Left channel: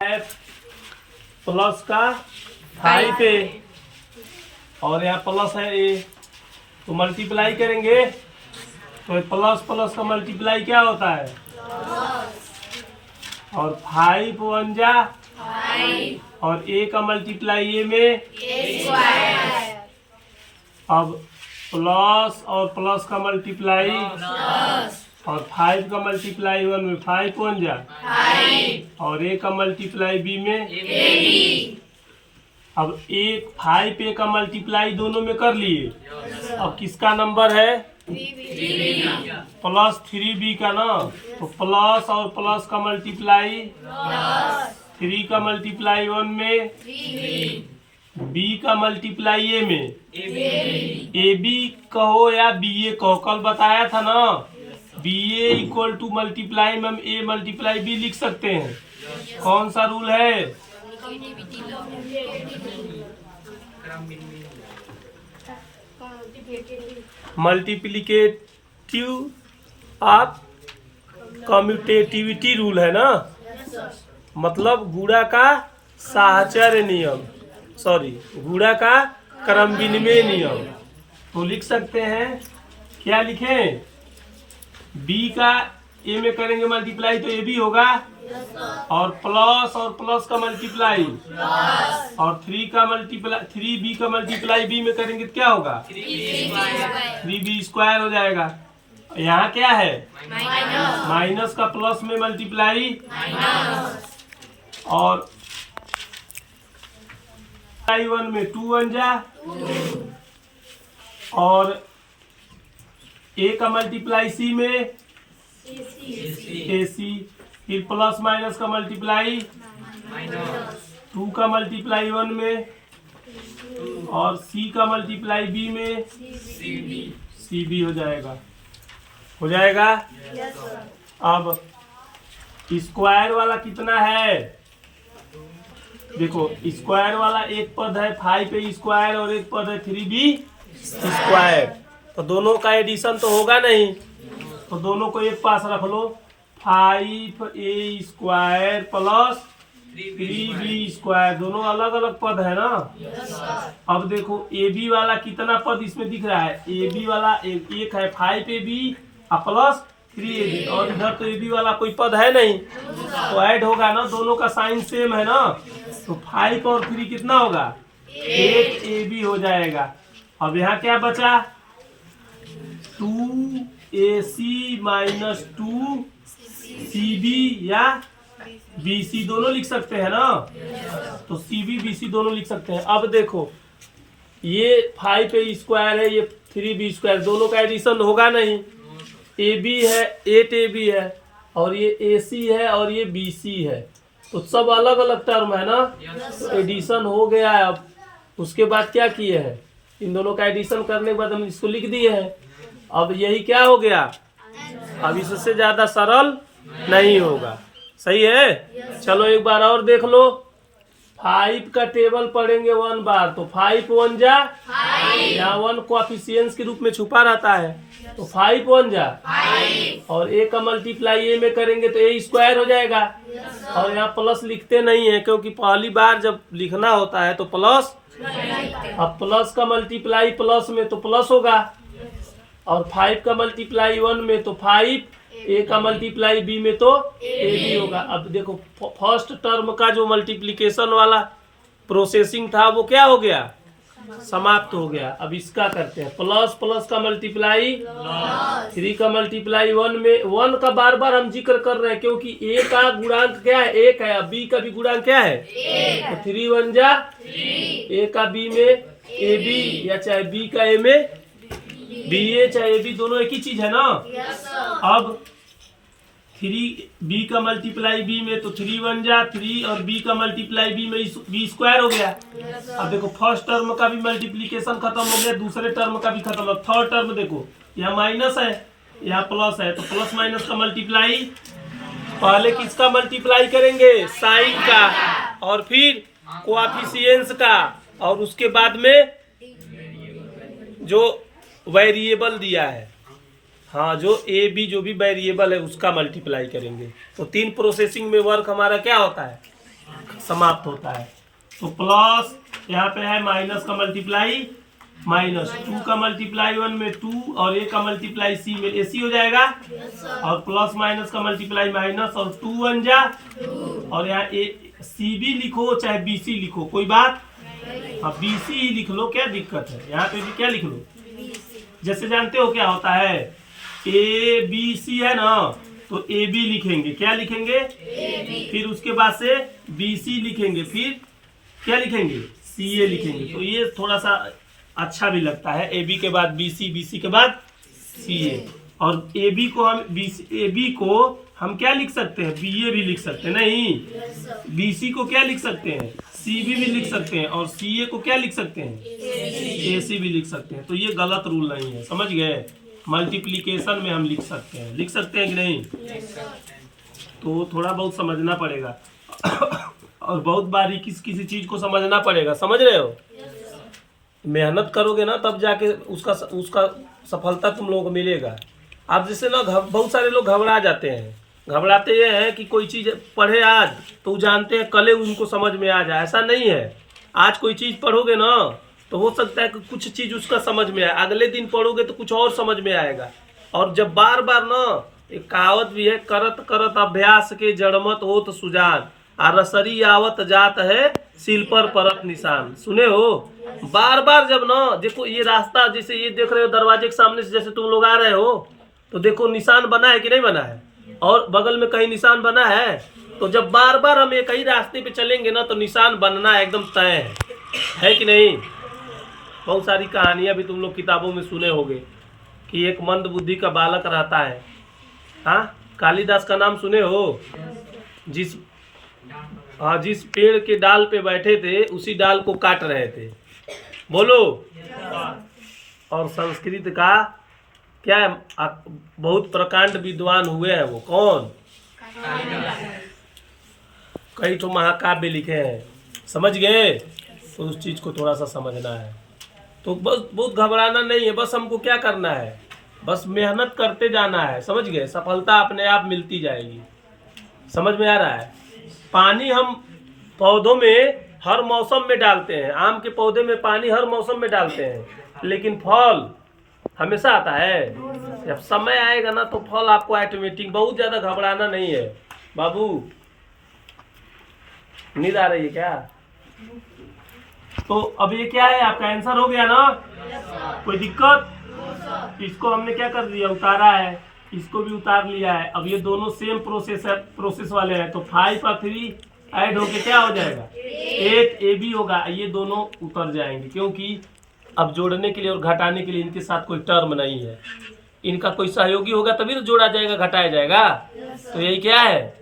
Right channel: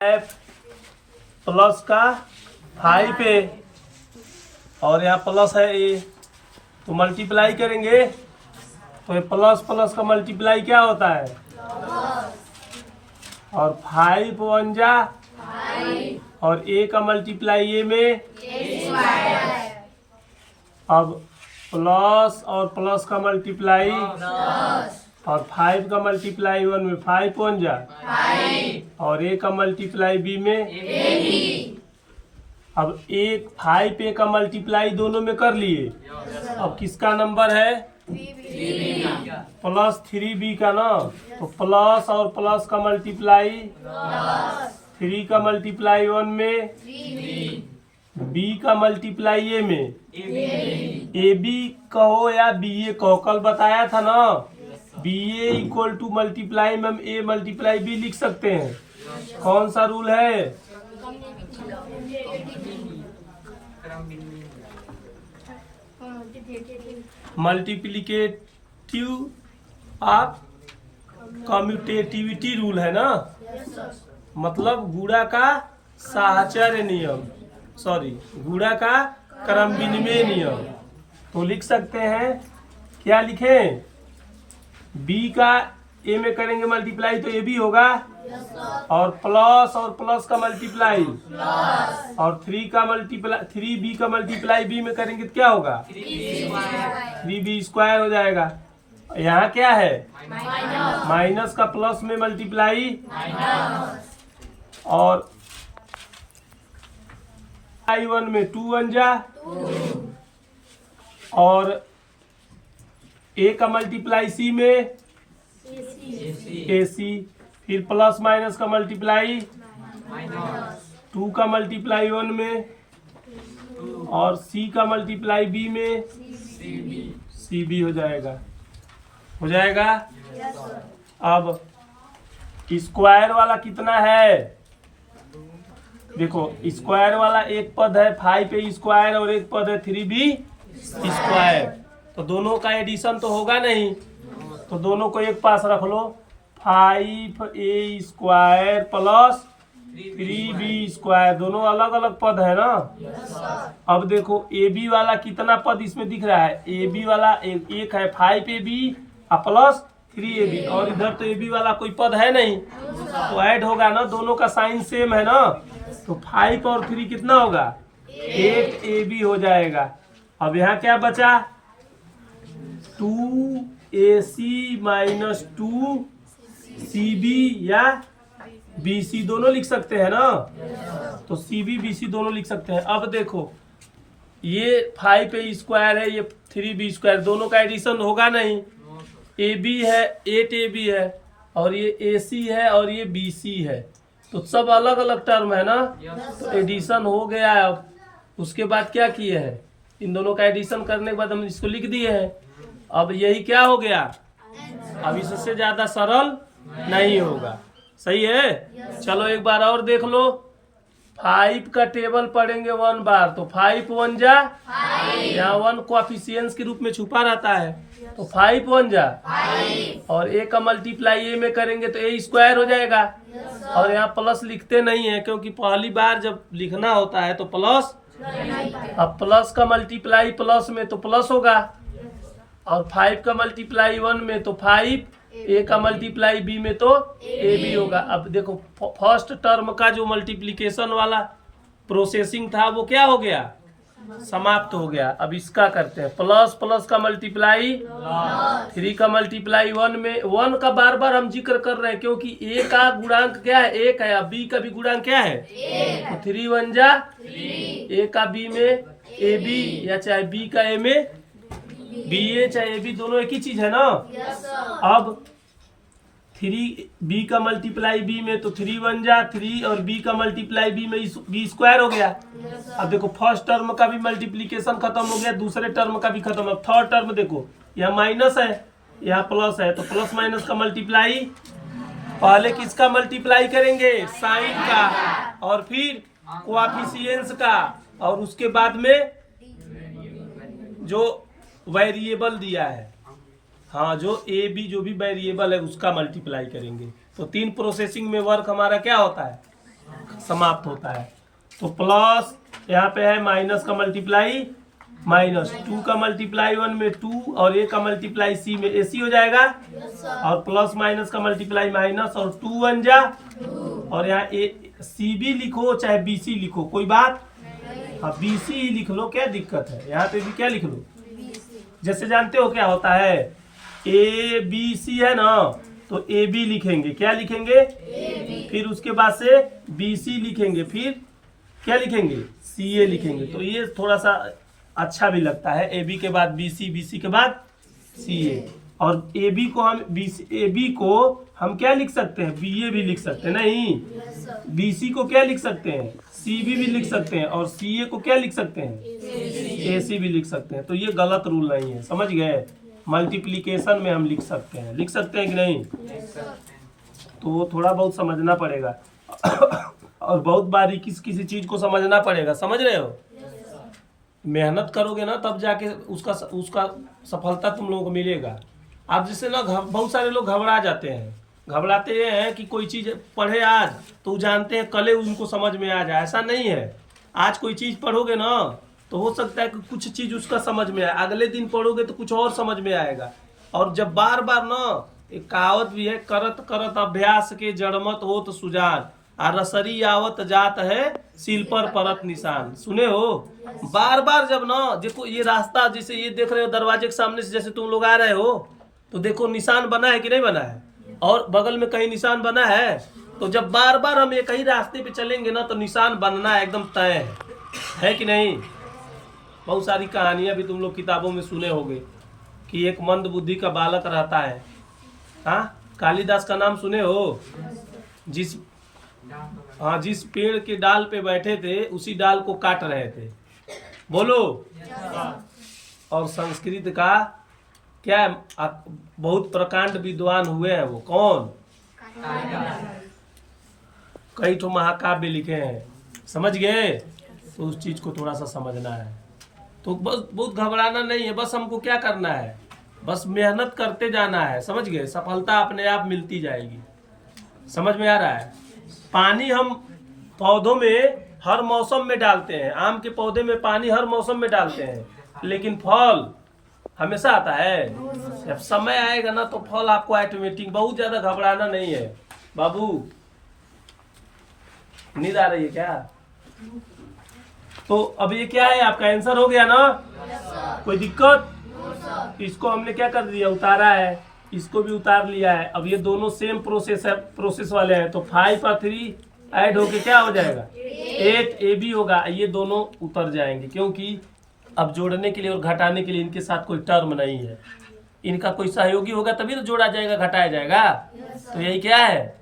Plus का 5 ए और यहाँ प्लस है ए, तो मल्टीप्लाई करेंगे तो प्लस प्लस का मल्टीप्लाई क्या होता है और 5 1 जा और ए का मल्टीप्लाई ए में अब प्लस और प्लस का मल्टीप्लाई और 5 का मल्टीप्लाई 1 में 5 1 जा और ए का मल्टीप्लाई बी में अब एक 5 ए का मल्टीप्लाई दोनों में कर लिए। अब किसका नंबर है प्लस 3b का ना, तो प्लस और प्लस का मल्टीप्लाई 3 का मल्टीप्लाई 1 में बी का मल्टीप्लाई ए में ए बी कहो या बी ए कहो, कल बताया था ना B A equal to multiply में हम ए मल्टीप्लाई बी लिख सकते हैं। कौन सा रूल है मल्टीप्लिकेटिव ऑफ कम्यूटेटिविटी रूल है ना, मतलब गुणा का साहचर्य नियम, गुणा का क्रम विनिमय नियम। तो लिख सकते हैं क्या लिखें, बी का ए में करेंगे मल्टीप्लाई तो ए बी होगा और प्लस का मल्टीप्लाई और 3b का मल्टीप्लाई बी में करेंगे तो क्या होगा 3b स्क्वायर हो जाएगा। यहाँ क्या है माइनस का प्लस में मल्टीप्लाई और 1 में 2 1 जा और ए का मल्टीप्लाई सी में ए सी, फिर प्लस माइनस का मल्टीप्लाई 2 का मल्टीप्लाई 1 में और सी का मल्टीप्लाई बी में सी बी हो जाएगा। अब स्क्वायर वाला कितना है, देखो स्क्वायर वाला एक पद है 5a स्क्वायर और एक पद है 3b स्क्वायर, तो दोनों का एडिशन तो होगा नहीं, तो दोनों को एक पास रख लो 5a square plus 3b square, दोनों अलग अलग पद है ना। अब देखो ए बी वाला कितना पद इसमें दिख रहा है, ए बी वाला एक है 5ab प्लस 3ab और इधर तो ए बी वाला कोई पद है नहीं, तो ऐड होगा ना, दोनों का साइन सेम है ना, तो 5 और 3 कितना होगा 8ab हो जाएगा। अब यहाँ क्या बचा 2ac माइनस 2cb या bc दोनों लिख सकते हैं ना, तो cb bc दोनों लिख सकते हैं। अब देखो ये 5a स्क्वायर है ये 3b स्क्वायर, दोनों का एडिशन होगा नहीं, ab है 8ab है और ये ac है और ये bc है, तो सब अलग अलग टर्म है ना, तो एडिशन हो गया है। अब उसके बाद क्या किए हैं, इन दोनों का एडिशन करने के बाद हम इसको लिख दिए हैं। अब यही क्या हो गया, अब इससे ज्यादा सरल नहीं होगा, सही है। चलो एक बार और देख लो, 5 का टेबल पढ़ेंगे 1 बार तो 5 1 जा, यहाँ 1 कोएफिशिएंट्स के रूप में छुपा रहता है, तो 5 1 जा और ए का मल्टीप्लाई ए में करेंगे तो ए स्क्वायर हो जाएगा और यहाँ प्लस लिखते नहीं है क्योंकि पहली बार जब लिखना होता है तो प्लस, अब प्लस का मल्टीप्लाई प्लस में तो प्लस होगा और 5 का मल्टीप्लाई 1 में तो 5, ए का मल्टीप्लाई बी में तो ए बी होगा। अब देखो फर्स्ट टर्म का जो मल्टीप्लिकेशन वाला प्रोसेसिंग था वो क्या हो गया, समाप्त हो गया। अब इसका करते हैं प्लस प्लस का मल्टीप्लाई 3 का मल्टीप्लाई 1 में 1 का बार बार हम जिक्र कर रहे हैं क्योंकि ए का गुणांक क्या है 1 है, अब बी का भी गुणांक क्या है, तो 3 1 जा ए का बी में ए बी या चाहे बी का ए में बी ए चाहे ए बी दोनों एक ही चीज है ना। अब 3b का मल्टीप्लाई b में तो 3 1 जा 3 और b का मल्टीप्लाई b में b स्क्वायर हो गया। अब देखो फर्स्ट टर्म का भी मल्टीप्लिकेशन खत्म हो गया, दूसरे टर्म का भी खत्म हो, थर्ड टर्म देखो यहाँ माइनस है यहाँ प्लस है, तो प्लस माइनस का मल्टीप्लाई, पहले किसका मल्टीप्लाई करेंगे साइन का और फिर कोएफिशिएंट्स का और उसके बाद में जो वेरिएबल दिया है, हाँ जो ए बी जो भी वेरिएबल है उसका मल्टीप्लाई करेंगे। तो 3 प्रोसेसिंग में वर्क हमारा क्या होता है समाप्त होता है। तो प्लस यहाँ पे है माइनस का मल्टीप्लाई माइनस, 2 का मल्टीप्लाई 1 में 2 और a का मल्टीप्लाई c में ac हो जाएगा। और प्लस माइनस का मल्टीप्लाई माइनस और 2 1 जा, और यहाँ cb लिखो चाहे bc लिखो कोई बात, हाँ bc ही लिख लो, क्या दिक्कत है। यहाँ पे भी क्या लिख लो, जैसे जानते हो क्या होता है, a b c है ना, तो a b लिखेंगे, क्या लिखेंगे फिर उसके बाद से b c लिखेंगे, फिर क्या लिखेंगे c a लिखेंगे। तो ये थोड़ा सा अच्छा भी लगता है, ए बी के बाद बी सी, बी सी के बाद सी ए। और ए बी को हम ए बी को हम क्या लिख सकते हैं, बी ए भी लिख सकते हैं, नहीं बी सी को क्या लिख सकते हैं, सी बी भी लिख सकते हैं, और सी ए को क्या लिख सकते हैं, ए सी भी लिख सकते हैं। तो ये गलत रूल नहीं है, समझ गए। मल्टीप्लिकेशन में हम लिख सकते हैं कि नहीं, तो थोड़ा बहुत समझना पड़ेगा और बहुत बारीकी किसी चीज को समझना पड़ेगा, समझ रहे हो। मेहनत करोगे ना तब जाके उसका सफलता तुम लोगों को मिलेगा। आप जैसे ना बहुत सारे लोग घबरा जाते हैं, घबराते ये हैं कि कोई चीज़ पढ़े आज तो जानते हैं कल उनको समझ में आ जाए, ऐसा नहीं है। आज कोई चीज़ पढ़ोगे ना तो हो सकता है कि कुछ चीज़ उसका समझ में आए, अगले दिन पढ़ोगे तो कुछ और समझ में आएगा। और जब बार बार ना, एक कहावत भी है, करत करत अभ्यास के जड़मत होत सुजान, आ रसरी आवत जात है सिल पर परत निशान। सुने हो, बार बार जब ना देखो ये रास्ता, जैसे ये देख रहे हो दरवाजे के सामने से जैसे तुम लोग आ रहे हो, तो देखो निशान बना है कि नहीं बना है, और बगल में कहीं निशान बना है। तो जब बार बार हम एक ही रास्ते पे चलेंगे ना तो निशान बनना एकदम तय है कि नहीं। बहुत सारी कहानियां भी तुम लोग किताबों में सुने होंगे कि एक मंद बुद्धि का बालक रहता है, हाँ कालिदास का नाम सुने हो, जिस पेड़ के डाल पे बैठे थे उसी डाल को काट रहे थे, बोलो। और संस्कृत का क्या है, बहुत प्रकांड विद्वान हुए हैं वो, कौन, कई तो महाकाव्य लिखे हैं, समझ गए। तो उस चीज को थोड़ा सा समझना है। तो बस बहुत घबराना नहीं है, बस हमको क्या करना है, बस मेहनत करते जाना है, समझ गए। सफलता अपने आप मिलती जाएगी, समझ में आ रहा है। पानी हम पौधों में हर मौसम में डालते हैं, आम के पौधे में पानी हर मौसम में डालते हैं, लेकिन फल हमेशा आता है। जब समय आएगा ना तो फल आपको ऑटोमेटिक, बहुत ज्यादा घबराना नहीं है। बाबू नींद आ रही है क्या? तो अब ये क्या है, आपका आंसर हो गया ना, कोई दिक्कत? इसको हमने क्या कर दिया, उतारा है, इसको भी उतार लिया है। अब ये दोनों सेम प्रोसेस वाले हैं, तो 5 और 3 ऐड होके क्या हो जाएगा, 8 AB होगा। ये दोनों उतर जाएंगे क्योंकि अब जोड़ने के लिए और घटाने के लिए इनके साथ कोई टर्म नहीं है, इनका कोई सहयोगी होगा तभी तो जोड़ा जाएगा, घटाया जाएगा। तो यही क्या है,